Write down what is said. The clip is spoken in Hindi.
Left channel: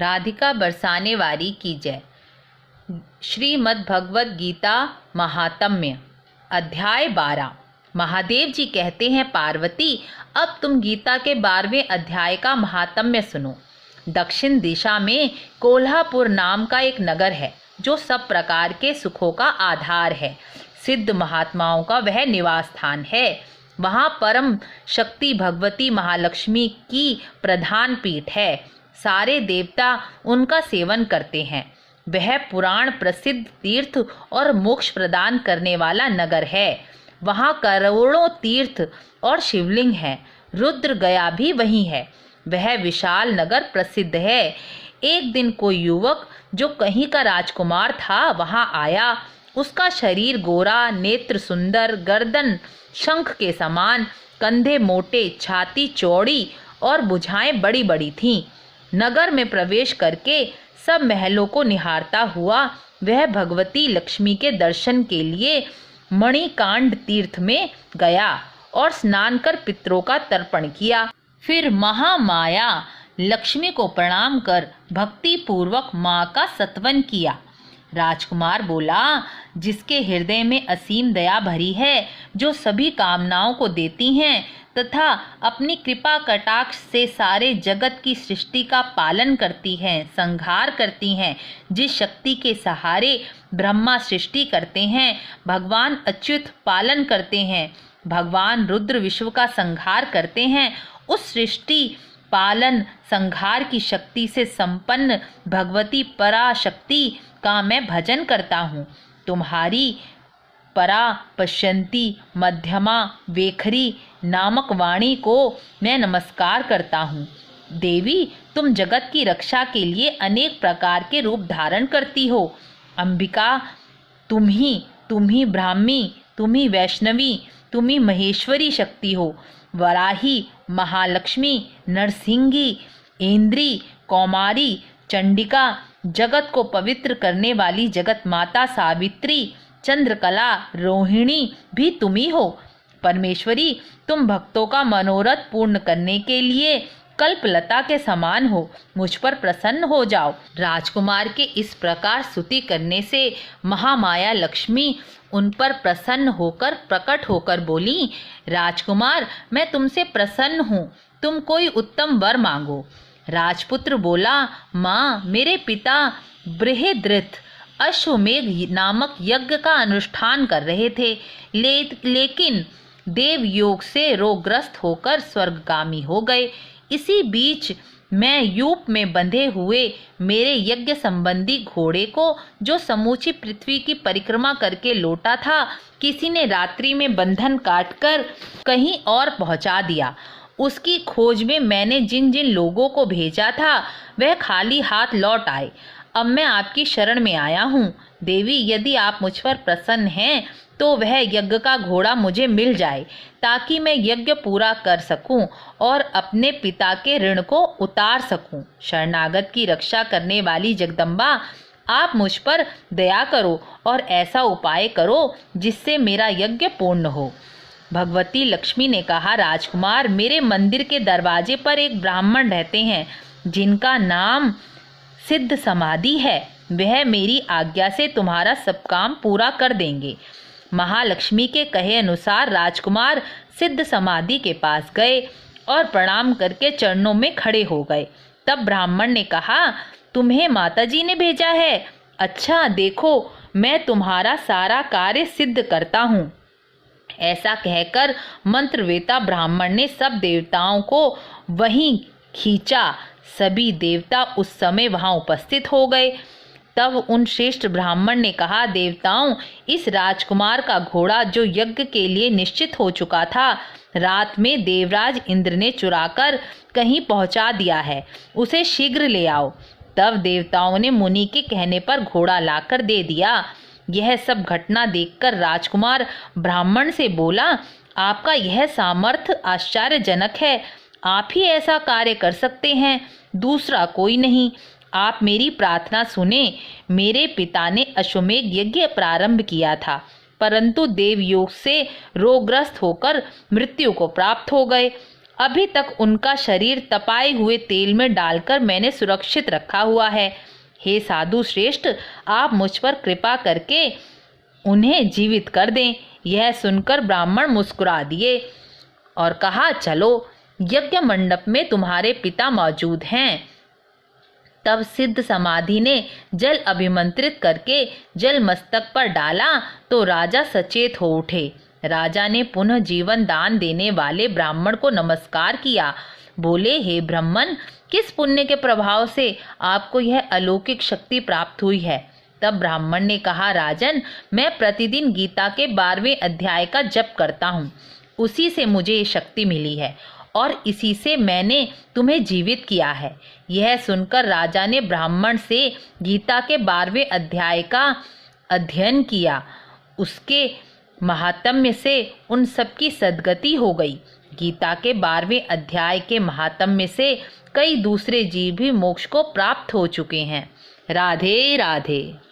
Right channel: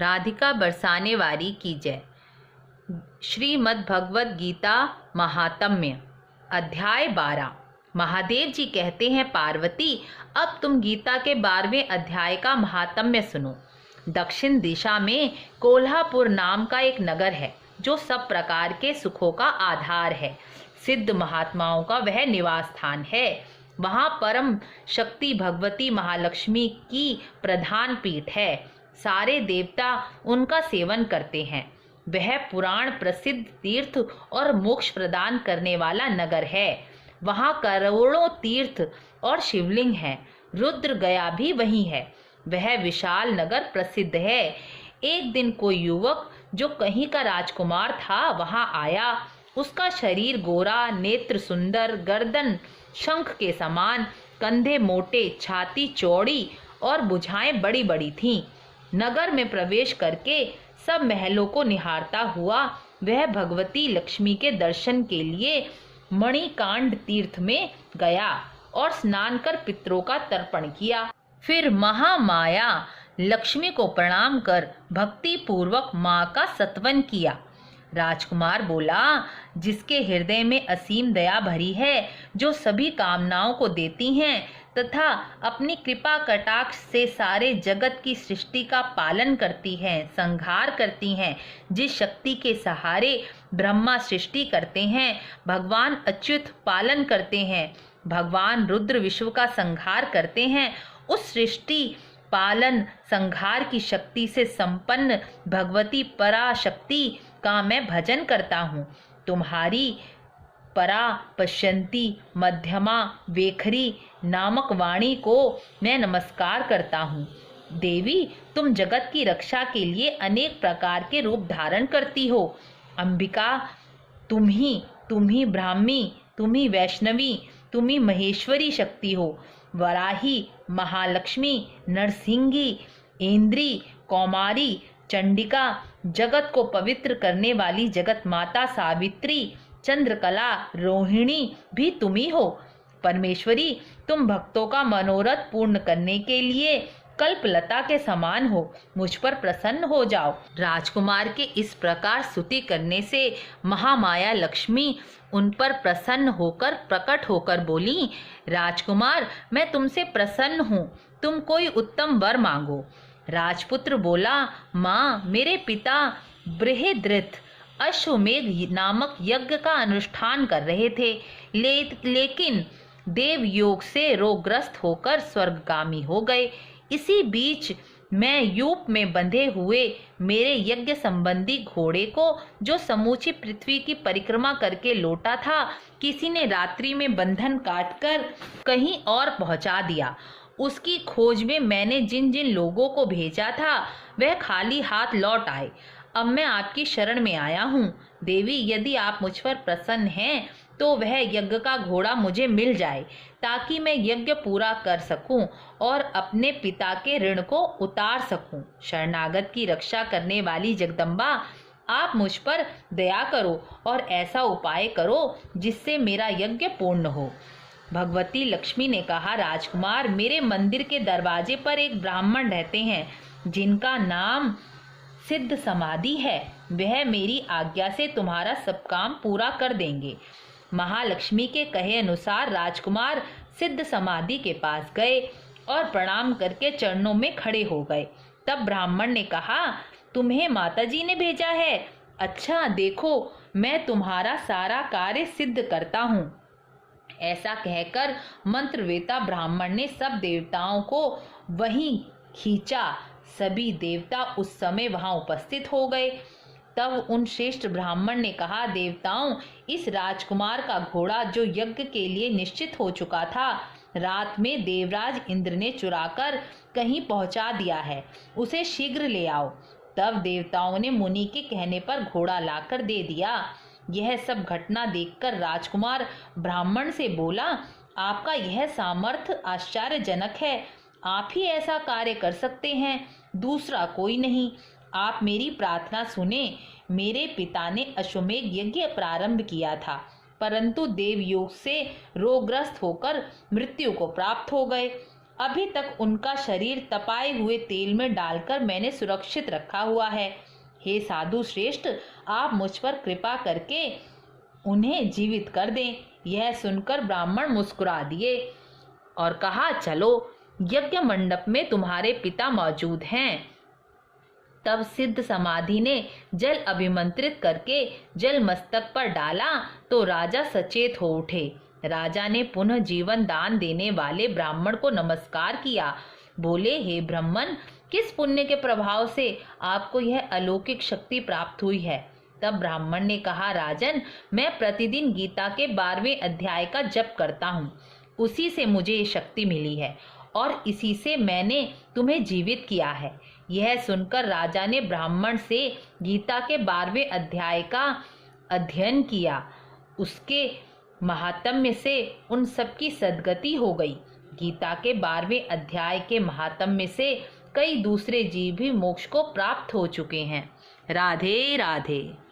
राधिका बरसाने वाली की जय। श्रीमद् भगवद गीता महात्म्य अध्याय 12। महादेव जी कहते हैं, पार्वती अब तुम गीता के 12वें अध्याय का महात्म्य सुनो। दक्षिण दिशा में कोल्हापुर नाम का एक नगर है जो सब प्रकार के सुखों का आधार है। सिद्ध महात्माओं का वह निवास स्थान है। वहाँ परम शक्ति भगवती महालक्ष्मी की प्रधान पीठ है। सारे देवता उनका सेवन करते हैं। वह पुराण प्रसिद्ध तीर्थ और मोक्ष प्रदान करने वाला नगर है। वहाँ करोड़ों तीर्थ और शिवलिंग हैं। रुद्र गया भी वहीं है। वह विशाल नगर प्रसिद्ध है। एक दिन कोई युवक जो कहीं का राजकुमार था वहाँ आया। उसका शरीर गोरा, नेत्र सुंदर, गर्दन शंख के समान, कंधे मोटे, छाती चौड़ी और भुजाएं बड़ी बड़ी थीं। नगर में प्रवेश करके सब महलों को निहारता हुआ वह भगवती लक्ष्मी के दर्शन के लिए मणिकांड तीर्थ में गया और स्नान कर पितरों का तर्पण किया। फिर महामाया लक्ष्मी को प्रणाम कर भक्ति पूर्वक माँ का सत्वन किया। राजकुमार बोला, जिसके हृदय में असीम दया भरी है, जो सभी कामनाओं को देती हैं तथा अपनी कृपा कटाक्ष से सारे जगत की सृष्टि का पालन करती हैं, संहार करती हैं, जिस शक्ति के सहारे ब्रह्मा सृष्टि करते हैं, भगवान अच्युत पालन करते हैं, भगवान रुद्र विश्व का संहार करते हैं, उस सृष्टि पालन संहार की शक्ति से संपन्न भगवती पराशक्ति का मैं भजन करता हूँ। तुम्हारी परा पश्यंती मध्यमा वेखरी नामक वाणी को मैं नमस्कार करता हूँ। देवी, तुम जगत की रक्षा के लिए अनेक प्रकार के रूप धारण करती हो। अंबिका, तुम ही ब्राह्मी, तुम ही वैष्णवी, तुम ही महेश्वरी शक्ति हो। वराही, महालक्ष्मी, नरसिंही, इंद्री, कौमारी, चंडिका, जगत को पवित्र करने वाली जगत माता सावित्री, चंद्रकला, रोहिणी भी तुम ही हो। परमेश्वरी, तुम भक्तों का मनोरथ पूर्ण करने के लिए कल्पलता के समान हो। मुझ पर प्रसन्न हो जाओ। राजकुमार के इस प्रकार स्तुति करने से महामाया लक्ष्मी उन पर प्रसन्न होकर प्रकट होकर बोली, राजकुमार, मैं तुमसे प्रसन्न हूँ। तुम कोई उत्तम वर मांगो। राजपुत्र बोला, माँ, मेरे पिता बृहद्रथ अश्वमेध नामक यज्ञ का अनुष्ठान कर रहे थे, लेकिन देव योग से रोगग्रस्त होकर स्वर्गगामी हो गए। इसी बीच मैं यूप में बंधे हुए मेरे यज्ञ संबंधी घोड़े को, जो समूची पृथ्वी की परिक्रमा करके लौटा था, किसी ने रात्रि में बंधन काटकर कहीं और पहुंचा दिया। उसकी खोज में मैंने जिन जिन लोगों को भेजा था वह खाली हाथ लौट आए। अब मैं आपकी शरण में आया हूँ। देवी, यदि आप मुझ पर प्रसन्न हैं तो वह यज्ञ का घोड़ा मुझे मिल जाए, ताकि मैं यज्ञ पूरा कर सकूं और अपने पिता के ऋण को उतार सकूं। शरणागत की रक्षा करने वाली जगदम्बा, आप मुझ पर दया करो और ऐसा उपाय करो जिससे मेरा यज्ञ पूर्ण हो। भगवती लक्ष्मी ने कहा, राजकुमार, मेरे मंदिर के दरवाजे पर एक ब्राह्मण रहते हैं जिनका नाम सिद्ध समाधि है। वह मेरी आज्ञा से तुम्हारा सब काम पूरा कर देंगे। महालक्ष्मी के कहे अनुसार राजकुमार सिद्ध समाधि के पास गए और प्रणाम करके चरणों में खड़े हो गए। तब ब्राह्मण ने कहा, तुम्हें माताजी ने भेजा है? अच्छा, देखो, मैं तुम्हारा सारा कार्य सिद्ध करता हूँ। ऐसा कहकर मंत्रवेता ब्राह्मण ने सब देवताओं को वहीं खींचा। सभी देवता उस समय वहां उपस्थित हो गए। तब उन श्रेष्ठ ब्राह्मण ने कहा, देवताओं, इस राजकुमार का घोड़ा जो यज्ञ के लिए निश्चित हो चुका था, रात में देवराज इंद्र ने चुराकर कहीं पहुंचा दिया है। उसे शीघ्र ले आओ। तब देवताओं ने मुनि के कहने पर घोड़ा लाकर दे दिया। यह सब घटना देखकर राजकुमार ब्राह्मण से बोला, आपका यह सामर्थ्य आश्चर्यजनक है। आप ही ऐसा कार्य कर सकते हैं, दूसरा कोई नहीं। आप मेरी प्रार्थना सुने। मेरे पिता ने अश्वमेध यज्ञ प्रारंभ किया था, परंतु देवयोग से रोगग्रस्त होकर मृत्यु को प्राप्त हो गए। अभी तक उनका शरीर तपाए हुए तेल में डालकर मैंने सुरक्षित रखा हुआ है। हे साधु श्रेष्ठ, आप मुझ पर कृपा करके उन्हें जीवित कर दें। यह सुनकर ब्राह्मण मुस्कुरा दिए और कहा, चलो, यज्ञ मंडप में तुम्हारे पिता मौजूद हैं। तब सिद्ध समाधि ने जल अभिमंत्रित करके जल मस्तक पर डाला तो राजा सचेत हो उठे। राजा ने पुनः जीवन दान देने वाले ब्राह्मण को नमस्कार किया। बोले, हे ब्राह्मण, किस पुण्य के प्रभाव से आपको यह अलौकिक शक्ति प्राप्त हुई है? तब ब्राह्मण ने कहा, राजन, मैं प्रतिदिन गीता के 12वें अध्याय का जप करता हूँ। उसी से मुझे ये शक्ति मिली है और इसी से मैंने तुम्हें जीवित किया है। यह सुनकर राजा ने ब्राह्मण से गीता के 12वें अध्याय का अध्ययन किया। उसके महात्म्य से उन सबकी सद्गति हो गई। गीता के 12वें अध्याय के महात्म्य से कई दूसरे जीव भी मोक्ष को प्राप्त हो चुके हैं। राधे राधे।